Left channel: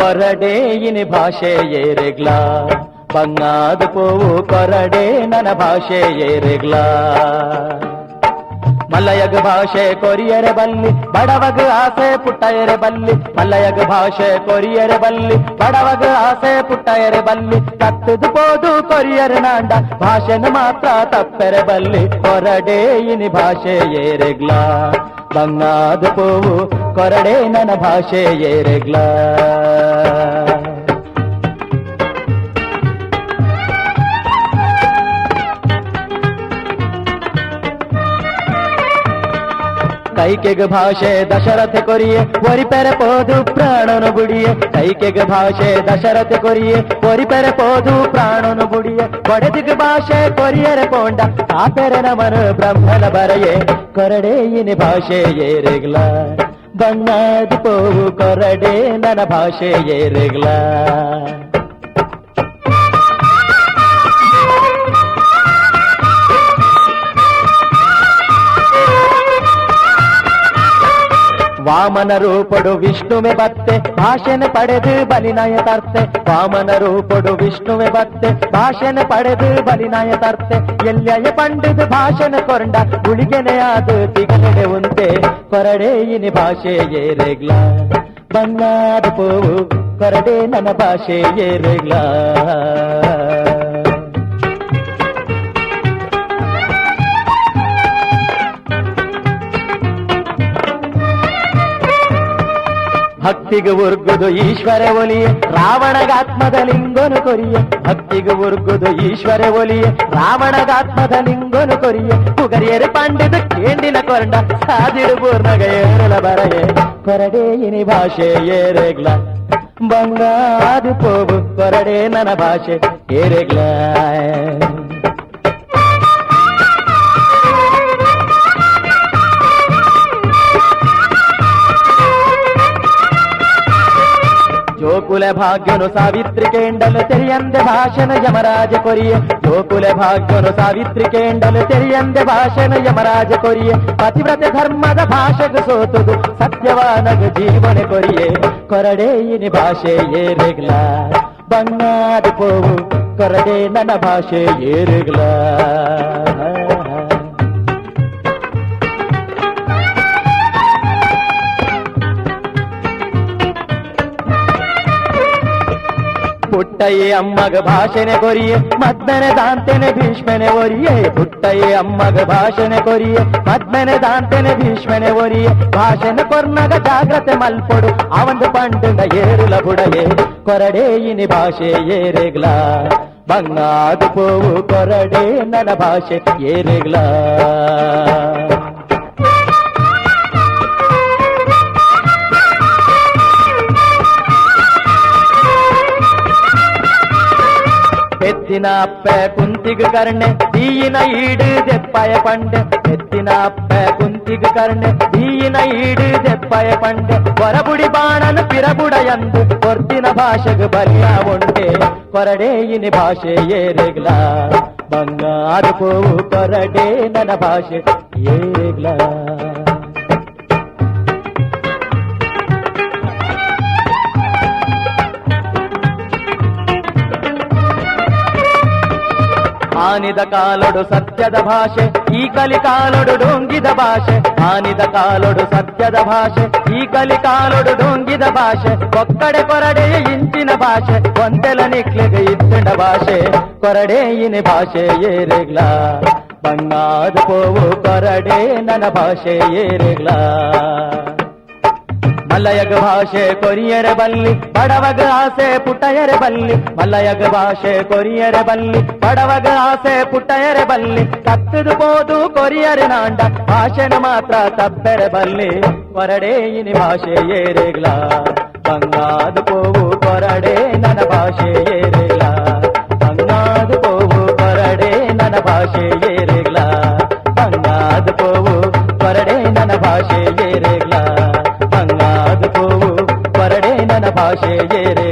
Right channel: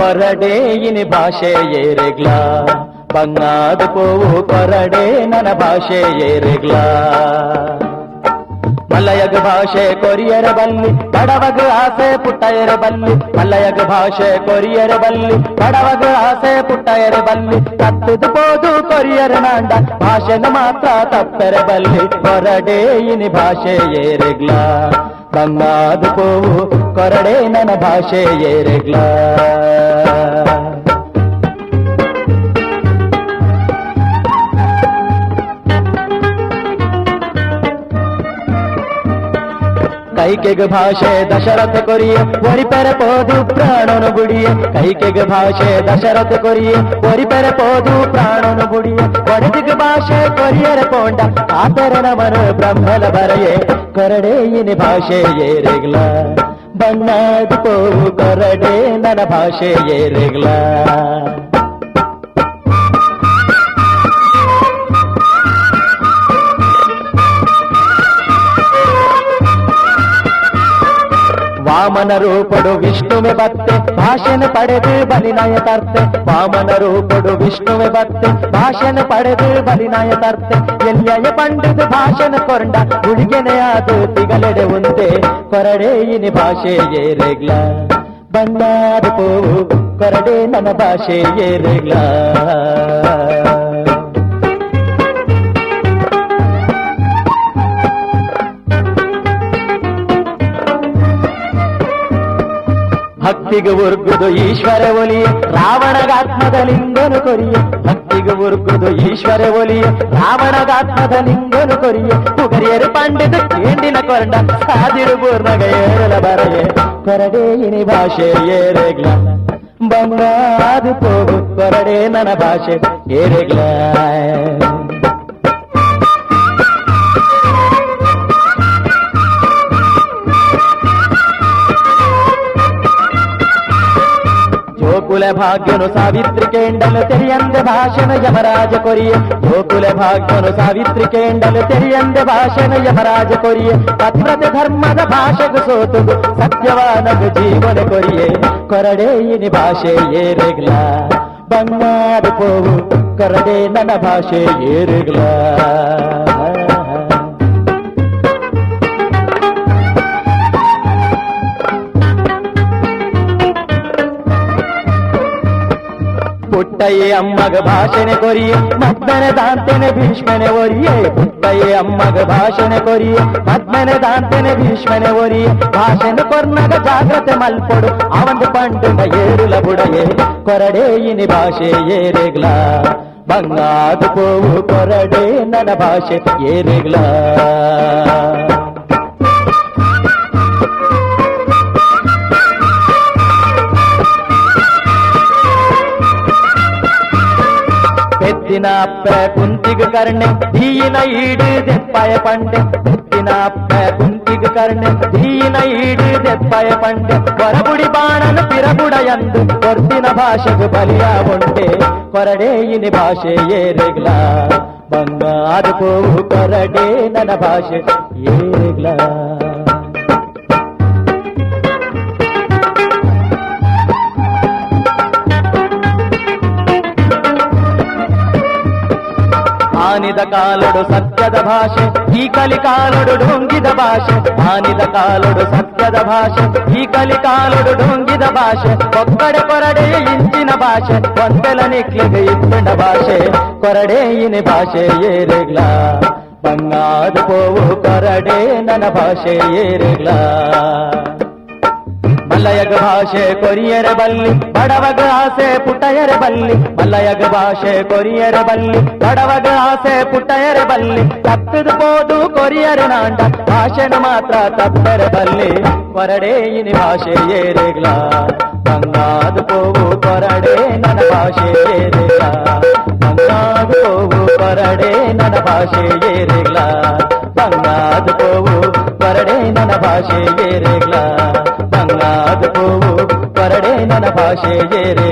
ಕೊರಡೇಯಿನಿ ಭಾಷೆ ಏರೆಗ್ಲ ಬಂಗಾದ ಪೋವು ಕೊರಡೆ ನನ್ನ ಭಾಷೆ ಏರೆಗ್ಲ ಮಲ್ಲಯಗ ಭಾಷೆ ಕೊರಿಯರ ಬಲ್ಲಿ ಬಡವಗ ಆಸೆ ಪುಟ್ಟಯರ ಬಲ್ಲಿ ಮಲ್ಲಯಗ ಭಾಷೆ ಕೊರಿಯರ ಬಲ್ಲಿ ಬಡವಗ ಆಸೆ ಪುಟ್ಟಯರ ಬಲ್ಲಿ ಕತ್ತದು ಪೋದು ಕೊರಿಯರ ನಾಂಡ ಭಾಷೆನ ಮಾತ್ರ ತಪ್ಪೆರ ಬಲ್ಲಿ ಕೊರಡೇಯಿನಿ ಭಾಷೆ ಏರೆಗ್ಲ ಬಂಗಾದ ಪೋವು ಕೊರಡೆ ನನ್ನ ಭಾಷೆ ಏರೆಗ್ಲ ಕೈಕೆಗ ಭಾಷೆ ದಶರಥ ಕೊರಿಯೆ ಒರಿಪೆರ ಪೋದು ಪ್ರಾಣನು ಬುಡಿಯೆ ಕೈಕೆಗ ಭಾಷೆ ದಶರಥ ಕೊರಿಯೆ ಒರಿಪೆರ ಪೋದು ಪ್ರಾಣನು ಬುಡಿಯೆ ಕೊರಗಿಗ ಭಾಷೆ ಕೊರಿಯರ ಪೋಂಡ ಆತರ ನಮನು ಬ್ರಹ್ಮನ ಬರೆಯೆ ಕೊರಡೇಯಿನಿ ಭಾಷೆ ಏರೆಗ್ಲ ಬಣ್ಣದ ಪೋವು ಕೊರಡೆ ನನ್ನ ಭಾಷೆ ಏರೆಗ್ಲ ವಾಮನ ರೂಪಡು ವಿಷ್ಣುವೆ ಬತ್ತೆ ಭಾಷಣ ಪಡೆದು ಬಲಿನಾಯ ತರ್ತೆ ವಾಮನ ರೂಪಡು ವಿಷ್ಣುವೆ ಬತ್ತೆ ಭಾಷಣ ಪಡೆದು ಬಲಿನಾಯ ತರ್ತೆ ಎಲ್ಲಯ ಪಂಡಿತ ಭಾಷಣ ಕೊಂಡ ಗುಳಿಗೆನೆಯಾದು ತಿಗಲೆಡೆ ಉಂಟೆ ಕೊರಡೇಯಿನಿ ಭಾಷೆ ಏರೆಗ್ಲ ಬಣ್ಣದ ಪೋವು ಕೊರಡೆ ನನ್ನ ಭಾಷೆ ಏರೆಗ್ಲ ಭಕ್ತಿಗೆ ಉರ್ಗುದು ಈಶ್ವರ ಒಲಿಯೆ ರಾವಣಗಾತ್ಮದ ಲಿಂಗನು ಕೊರಿಯೆ ಭಕ್ತಿಗೆ ಉರ್ಗುದು ಈಶ್ವರ ಒಲಿಯೆ ರಾವಣಗಾತ್ಮದ ಲಿಂಗನು ಕೊರಿಯೆ ಪುಗರಿಯರು ಪಂಡಿತು ಕೇಂದಿನ ಕೊಂಡ ಸಾದಿರು ಪೂರ್ಣಗ ಏರಲ ಬರಗೆ ಕೊರಡೇಯಿನಿ ಭಾಷೆ ಏರೆಗ್ಲ ಬಂಗಾದು ಪೋವು ಕೊರಡೆ ನನ್ನ ಭಾಷೆ ಏರೆಗ್ಲ ಜೋಕುಲ ಭಾಗ್ಯನು ಸಾವಿತ್ರಿ ಕೇಂಡಲು ತೆರಿಯಂದೆ ಭಾಷಣ ಯಮರಾಜ ಕೊರಿಯೆ ಜೋಕುಲ ಭಾಗ್ಯನು ಸಾವಿತ್ರಿ ಕೇಂಡಲು ತೆರಿಯಂದೆ ಭಾಷಣ ಯಮರಾಜ ಕೊರಿಯೆ ಪತಿವ್ರತ ಧರ್ಮದ ಭಾಷೆಗೆ ಸೋತುದು ಸತ್ಯವಾನದು ಜೀವನ ಕೊರಿಯೆ ಕೊರಡೇಯಿನಿ ಭಾಷೆ ಏರೆಗ್ಲ ಬಣ್ಣದ ಪೋವು ಕೊರಡೆ ನನ್ನ ಭಾಷೆ ಏರೆಗ್ಲ ಪುಟ್ಟಯ್ಯ ಅಮ್ಮಗ ಭಾಷಣೆ ಕೊರಿಯೆ ಮದ್ಮನೆ ದಾಂತನೆ ಭೀಷ್ಮನೆ ಒರಿಯೆ ಪುಟ್ಟಯ್ಯ ಅಮ್ಮಗ ಭಾಷಣೆ ಕೊರಿಯೆ ಮದ್ಮನೆ ದಾಂತನೆ ಭೀಷ್ಮನೆ ಒರಿಯೆ ಭಾಷಣ ಕೊರ್ನಗ ಜಾಗ್ರತೆ ಮಲ್ಪೊಡು ಅವಂದು ಪಂಡುಂಡ ಏರಿಲ ಬುಡಲೆ ಕೊರಡೇಯಿನಿ ಭಾಷೆ ಏರೆಗ್ಲ ಬಂಗಾದು ಪೋವು ಕೊರಡೆ ನನ್ನ ಭಾಷೆ ಏರೆಗ್ಲ ಎತ್ತಿನ ಅಪ್ಪ ಕುಂತಿಗೆ ಕರ್ಣೆ ದೀನ ಈಡು ದೆಪ್ಪಾಯ ಪಂಡೆ ಎತ್ತಿನ ಅಪ್ಪ ಕುಂತಿಗೆ ಕರ್ಣೆ ದೀನ ಈಡು ದೆಪ್ಪಾಯ ಪಂಡೆ ಹೊರಬುಡಿ ಬಾಣನು ತಿರಬುಡ ಎಂದು ಕೊರ್ತಿನ ಭಾಷೆಗೆ ಬಲಿಯ ಉಂಟೆ ಕೊರಡೇಯಿನಿ ಭಾಷೆ ಏರೆಗ್ಲ ಬಂಗಾದ ಪೋವು ಕೊರಡೆ ನನ್ನ ಭಾಷೆ ಏರೆಗ್ಲ ಆನಿದ ಕಾಲೊಡು ಸತ್ಯದ ಭಾಷೆ ಈ ಕಲಿಕಾಲೊಡು ಡೊಂಗಿದ ಭಾಷೆ ಆನಿದ ಕಾಲೊಡು ಸತ್ಯದ ಭಾಷೆ ಈ ಕಲಿಕಾಲೊಡು ಡೊಂಗಿದ ಭಾಷೆ ಒಕ್ಕಡೆ ಕೊರಡೆಯ ಇಂಚಿನ ಭಾಷೆ ಒಂದೆಲ ನಿಕ್ಲಿಗೆ ಇತ್ತಂಡ ಭಾಷೆ ಕೊರಡೇಯಿನಿ ಭಾಷೆ ಏರೆಗ್ಲ ಬಣ್ಣಾದ ಪೋವು ಕೊರಡೆ ನನ್ನ ಭಾಷೆ ಏರೆಗ್ಲ ಮಲ್ಲಯಗ ಭಾಷೆ ಕೊರಿಯರ ಬಲ್ಲಿ ಬಡವಗ ಆಸೆ ಪುಟ್ಟಯರ ಬಲ್ಲಿ ಮಲ್ಲಯಗ ಭಾಷೆ ಕೊರಿಯರ ಬಲ್ಲಿ ಬಡವಗ ಆಸೆ ಪುಟ್ಟಯರ ಬಲ್ಲಿ ತಪ್ಪದು ಪೋದು ಕೊರಿಯರ ನಾಂಡ ಭಾಷೆನ ಮಾತ್ರ ತಪ್ಪರ ಬಲ್ಲಿ ಕೊರಡೇಯಿನಿ ಭಾಷೆ ಏರೆಗ್ಲ ಬಂಗಾದ ಪೋವು ಕೊರಡೆ ನನ್ನ ಭಾಷೆ ಏರೆಗ್ಲ ಬಂಗಾದ ಪೋವು ಕೊರಡೆ ನನ್ನ ಭಾಷೆ ಏರೆಗ್ಲ ಬಂಗಾದ ಪೋವು ಕೊರಡೆ ನನ್ನ ಭಾಷೆ ಏರೆಗ್ಲ ಬಂಗಾದ ಪೋವು ಕೊರಡೆ ನನ್ನ ಭಾಷೆ ಏರೆ